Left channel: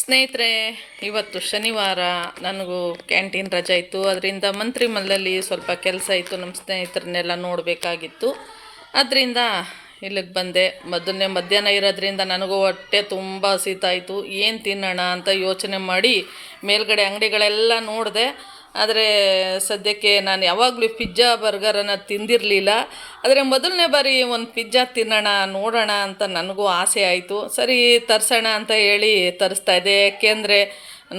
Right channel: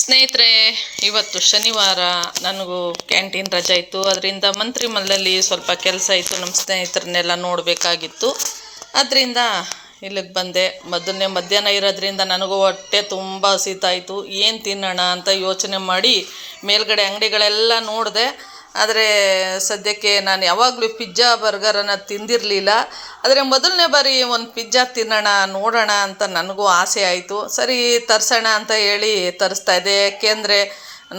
ಸ್ನೇಹಿತರೆ, ಇವತ್ತು ಶನಿವಾರ ನನಗೂ ಕ್ಯಾಂಟೀನ್ ರಜೆ ಇತ್ತು. ಅದರಿಂದ ಮಂತ್ರಿಮಲ್ಲಲ್ಲಿ ಸ್ವಲ್ಪ ಕೆಲಸ ಇತ್ತು, ನಮ್ಮ ಸ್ನೇಹಿತರನ್ನೆಲ್ಲ ನೋಡಬೇಕಾಗಿತ್ತು. ಅದರಿಂದ ಇಲ್ಲಿಗೆ ಬಂದೆ. ಮಧ್ಯಾಹ್ನ ಇರೋದ್ರಿಂದ ನನಗೂ ಹೊಟ್ಟೆ ತುಂಬ ಹಸಿತಾಯಿತು. ಏನು ತಿನ್ನೋಣ ಅಂತ ಯೋಚನೆ ಮಾಡಿ ಮೇಲ್ಗಡೆ ಅಂಗಡಿಗಳೆಲ್ಲ ನೋಡಿದೆ. ಆದರೆ ಸದ್ಯಕ್ಕೆ ನಾನು ಯಾವಾಗಲೂ ಪಿಜ್ಜಾ ಬರ್ಗರನ್ನು ತಿಂದಿರಲಿಲ್ಲ. ಆದರೆ ಮೊದಲನೇ ಬಾರಿ ಒಂದು ಪಿಜ್ಜಾ ತಿನ್ನೋಣ ನೋಡೋಣ ಅಂತ ನನಗೂ ಆಸೆ ಆಯಿತು. ಸರಿ ತರಿಸೋಣ ಅಂತ ಹೇಳಿ ತರಿಸ್ತಾ ಇದ್ದೆ. ಯಾಕೆಂದರೆ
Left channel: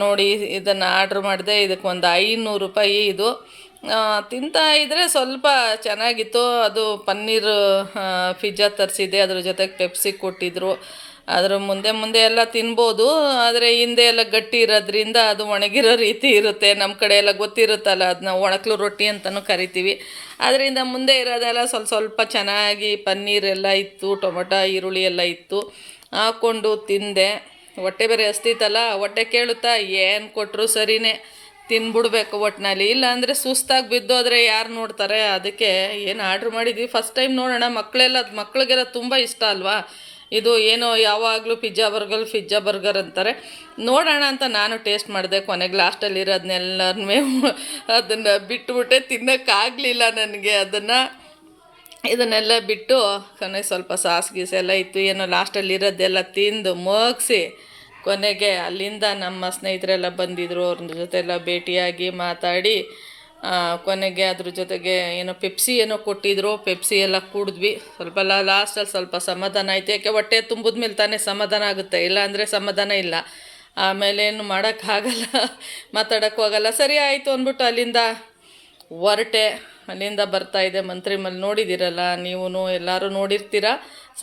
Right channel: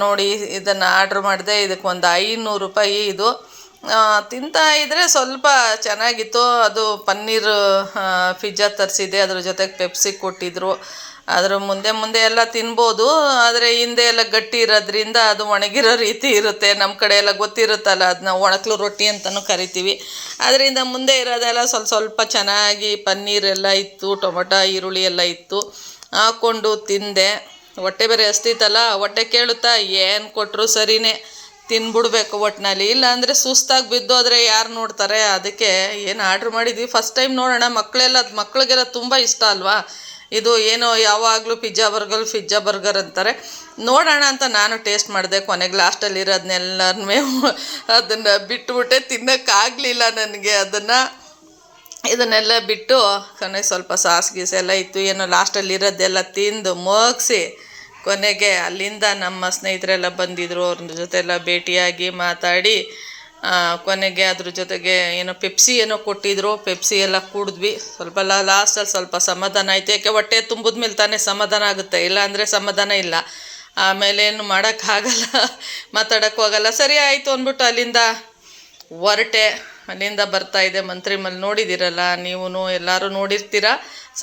ನೋಡಿ, ಇದನ್ನು ಆರ್ಡ್ರ್ ಮಾಡಿದೆ. ಇದಕ್ಕೆ ಒಂದು 500 ರೂಪಾಯಿ. ಇದು ತಿಂತಾ ಇದ್ದರೆ ಸ್ವಲ್ಪ ಚೆನ್ನಾಗಿತ್ತು. ಅದು ಪನ್ನೀರ್ ಪಿಜ್ಜಾ ತರಿಸಿದ್ದೆ, ಅದ್ರ ಜೊತೆಗೆ ಪೆಪ್ಸಿ ಕೊಟ್ಟಿದ್ದರು. ಅದರ ಮುಂದೆ ಎಲ್ಲ ತಿನ್ಬೋದು. ಆದರೆ ಹಿಂದೆ ಎಲ್ಲ ಗಟ್ಟಿ ಇರೋದ್ರಿಂದ ಅದು ಒಣಗಿರೋ ರೀತಿ ಇರುತ್ತೆ. ನಮ್ಮ ಕಡೆ ಎಲ್ಲ ಗೊತ್ತಿರುತ್ತಲ್ಲ, ಅದನ್ನ ಒಣಕಲು ರೊಟ್ಟಿ ಅಂತಲೂ ಕರಿತೀವಿ. ಅದರಿಂದ ಮುಂದೆ ಇರೋದೆಲ್ಲ ಸ್ವಲ್ಪ ಚೆನ್ನಾಗಿ ಪನ್ನೀರೆಲ್ಲ ಇತ್ತು, ಟೊಮೊಟೊ ಈರುಳ್ಳಿ ಎಲ್ಲ ಇತ್ತು. ಹಾಕ್ಕೊಂಡು ತಿಂದೆ. ಹೊಟ್ಟೆ ಬೇರೆ ಹಸ್ತಿತ್ತಲ್ಲ, ಹೊಟ್ಟೆ ಕೇಳುತ್ತಾ ಏನು ಕೊಟ್ಟರು ಸರಿಯೇ ತಿನ್ಬಿಡ್ಬೇಕು ಒಟ್ಟಿನಲ್ಲಿ. ಇಲ್ಲಾಂದರೆ ಸುಸ್ತಾಗಿ ಬಿದ್ದೋದ್ರೆ ಯಾರು ನೋಡ್ತಾರೆ? ಅದಕ್ಕೆ ಏನು ಆರ್ಡ್ರ್ ಮಾಡಿದ್ವಿ. ಫಸ್ಟ್ ಟೈಮ್ ನೋಡೋಣ. ಮಕ್ಕಳಿಗೆಲ್ಲ ತುಂಬ ಇಷ್ಟ ಅಲ್ವಾ ಇದು. ಏನೋ ಯಾವಾಗಲೂ ಪಿಜ್ಜಾ ಬರ್ಗರ್ ಅಂತಾರೆ. ನೋಡೋಣ ಅಂತ ನಾನು ಟೇಸ್ಟ್ ಮಾಡಿದೆ. ಕೊನೆಗೆ ಲಾಸ್ಟಲ್ಲಿ ಇರೋದನ್ನೆಲ್ಲನೂ ಅದನ್ನು ಬಿಟ್ಟುಬಿಟ್ಟೆ. ತಿನ್ನೋಕ್ಕಾಗಲಿಲ್ಲ ನನಗೆ ಇದನ್ನೆಲ್ಲ ಬಿಟ್ಟು. ಕೊನೆಗೆ ಸ್ವಲ್ಪ ಸಾಸ್ ಗೀಸ್ ಎಲ್ಲ ಇತ್ತು, ಏನೋ ಲಾಸ್ಟಲ್ಲಿ ಇರೋದೆಲ್ಲ ತಿಂದು ಮುಗಿಸಿ ಕೊನೆಗೆ ಅಲ್ಲಿಂದ ನಮ್ಮ ಸ್ನೇಹಿತರೆಲ್ಲ ಬಂದಿದ್ದರು. ಅವ್ರ ಜೊತೆ ಎಲ್ಲ ಭೇಟಿಯಾಗಿ ಮಾತಾಡಿ ಕೊನೆಗೆ ಅದ್ರ ಜೊತೆಗೆ ಏನೋ ಪೆಪ್ಸಿ ಏನೋ ಕೊಟ್ಟಿದ್ರು. ಪೆಪ್ಸಿ ಎಲ್ಲ ಕುಡಿದ್ವಿ. ಸ್ವಲ್ಪ ಲಾಸ್ಟಲ್ಲಿ ಸ್ವಲ್ಪ ಸಮಾಧಾನ ಆಯಿತು. ಯಾಕೆ ಹೊಟ್ಟೆ ತುಂಬಿದ ಮೇಲೆ ತಾನೇ ಸಮಾಧಾನ ಆಗುತ್ತೆ, ಇಲ್ಲ ಅಂದರೆ ಸಮಾಧಾನ ಇಲ್ಲ. ಆಮೇಲೆ ಏನು ಮಾಡೋಕ್ಕಾಗಲ್ಲ, ಮಾತಾಡೋಕ್ಕೂ ಆಗಲ್ಲ. ಸರಿ ಆಯಿತು ಅಂದ್ಬಿಟ್ಟು ಅಲ್ಲಿಂದ ಹೊರಟೆ. ಅಲ್ಲಿಂದ ಬರ್ತಾಯಿದ್ದೆ. ಮಂತ್ರಿಮಲ್ ನೋಡಿದ್ದೀರಲ್ಲ, ನೀವು ಎಲ್ಲರೂ ನೋಡಿರ್ತೀರ.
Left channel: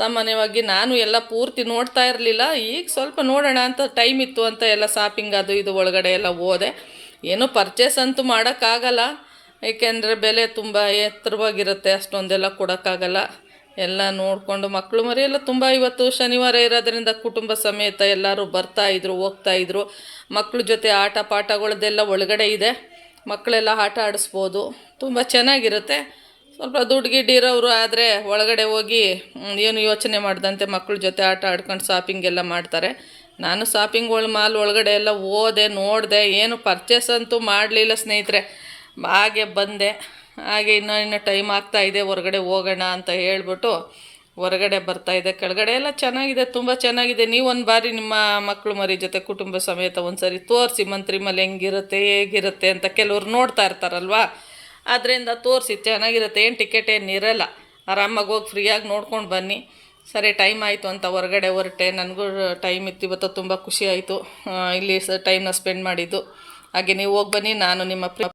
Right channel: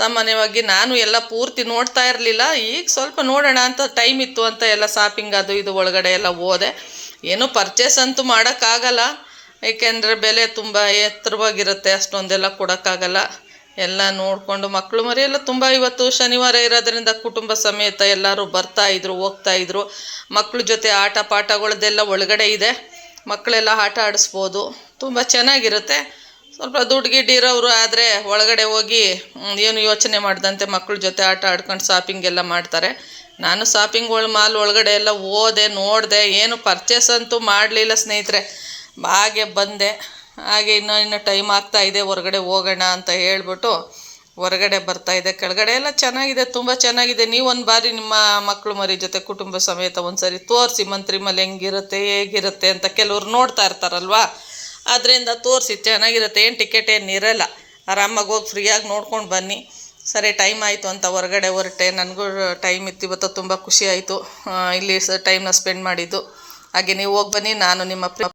ಸಾಮಾನ್ಯವಾಗಿ ನಾನು ಎಲ್ಲ ಪೂರ್ತಿ ನೋಡ್ತಾ ಇರಲಿಲ್ಲ. ಈಗ ಸ್ವಲ್ಪ ನೋಡೋಣ ಅಂತ ಟೈಮ್ ಇತ್ತು ಅಂತ ಎಲ್ಲ ಶಾಪಿಂಗ್ ಅದು ಇದು ಒಳಗಡೆ ಎಲ್ಲ ಹೋದೆ. ಏನೂ ಪರ್ಚೇಸ್ ಅಂತೂ ಮಾಡೋಕ್ಕಾಗಲ್ಲ, ಏಕೆಂದರೆ ಬೆಲೆ ತುಂಬ ಎತ್ತರವಾಗಿರುತ್ತೆ. ಅಷ್ಟೊಂದೆಲ್ಲ ಕೊಡೋಕ್ಕಾಗಲ್ಲ. ಎಲ್ಲ ನೋಡಿಕೊಂಡು ಮಕ್ಕಳು ಮರಿ ಎಲ್ಲ ತುಂಬ ಇವತ್ತು ಶನಿವಾರ ಇರೋದ್ರಿಂದ ಕುಟುಂಬ ಸಮೇತ ಎಲ್ಲರೂ ಬರ್ತಾಯಿದ್ರು ಹೋಗ್ತಾಯಿದ್ರು. ಮಕ್ಕಳ ಜೊತೆ ಆಟ ಪಾಠಗಳದ್ದೆಲ್ಲ ಒಳಗಡೆ ಇದೆ. ಮಕ್ಕಳೆಲ್ಲ ಆಟ ಆಡಿಸ್ಬೋದು, ತುಂಬ ಚೆನ್ನಾಗಿರುತ್ತೆ. ಸ್ವಲ್ಪ ದುಡ್ಡು ಗಿಡ್ಡಿರೋರು ಆದರೆ ಒಳಗಡೆ ಹೋಗಿ ಏನು ಯೋಚನೆ ಮಾಡ್ದಂತೆ ಮಕ್ಕಳ ಜೊತೆ ಆಟ ಆಡ್ಕೊಂಡು ಶಾಪಿಂಗ್ ಎಲ್ಲ ಮಾಡ್ತಾರೆ. ನಾನು ಮಾಲ್ ಒಳಗಡೆ ಎಲ್ಲ ಹೋದೆ, ನೋಡಿದೆ. ಏನು ಪರ್ಚೇಸ್ ಅಂತೂ ಮಾಡಲಿಲ್ಲ ಸ್ನೇಹಿತರೆ. ಹಾಗೆ ಬಂದೆ. ಹಾಗೆ ಇನ್ನೂ ಟೈಮ್ ಆಗ್ತಾಯಿದೆ, ಹೊರಗಡೆ ಹೋಗೋಣ ಅಂತ ಹೇಳ್ಬಿಟ್ಟು ಹೊರಗಡೆ ಬರ್ತಾಯಿದ್ದೆ. ಕೆಳಗಡೆ ಎಲ್ಲ ಚೆನ್ನಾಗಿದೆ, ತುಂಬ ಚೆನ್ನಾಗಿದೆ. ನೀವೊಂದು ಬಾರಿ ನಿಮ್ಮ ಮಕ್ಕಳು ಮರಿ ಜೊತೆ ಕುಟುಂಬ ಸಮೇತ ಒಂದು ಸರಿ ತೋರಿಸಿ ಮಂತ್ರಿಮಲ್ ಹೆಂಗಿರುತ್ತೆ ಹೇಗಿರುತ್ತೆ ಅಂತ. ಕೆಲವ್ರು ನೋಡ್ತಾ ಇರ್ತಾರಲ್ವ, ಅದರಿಂದ ತೋರಿಸಿ ಚೆನ್ನಾಗಿರುತ್ತೆ. ಏನು ಟಿಕೆಟ್ ಏನಿರಲ್ಲ, ಆರಾಮಾಗಿ ಹೋಗಿ ಫ್ರೀಯಾಗಿ ನೋಡ್ಕೊಂಡು ಬನ್ನಿ. ಸರಿ ಟೈಮ್ ಆಯಿತು ಅಂತ ಹೊರಗಡೆ ಹೊರಟೆ. ನನಗೂ ಟೈಮ್ ಇತ್ತು ಇವತ್ತು, ತುಂಬ ಖುಷಿ ಆಯಿತು ಇಲ್ಲಿ ಟೈಮ್ನ ಸ್ಪೆಂಡ್ ಮಾಡಿದ್ದು. ಹಾಗೆ ನೀವು ಹೋಗಿ ಬನ್ನಿ. ನಾನು ನಿಮ್ಮ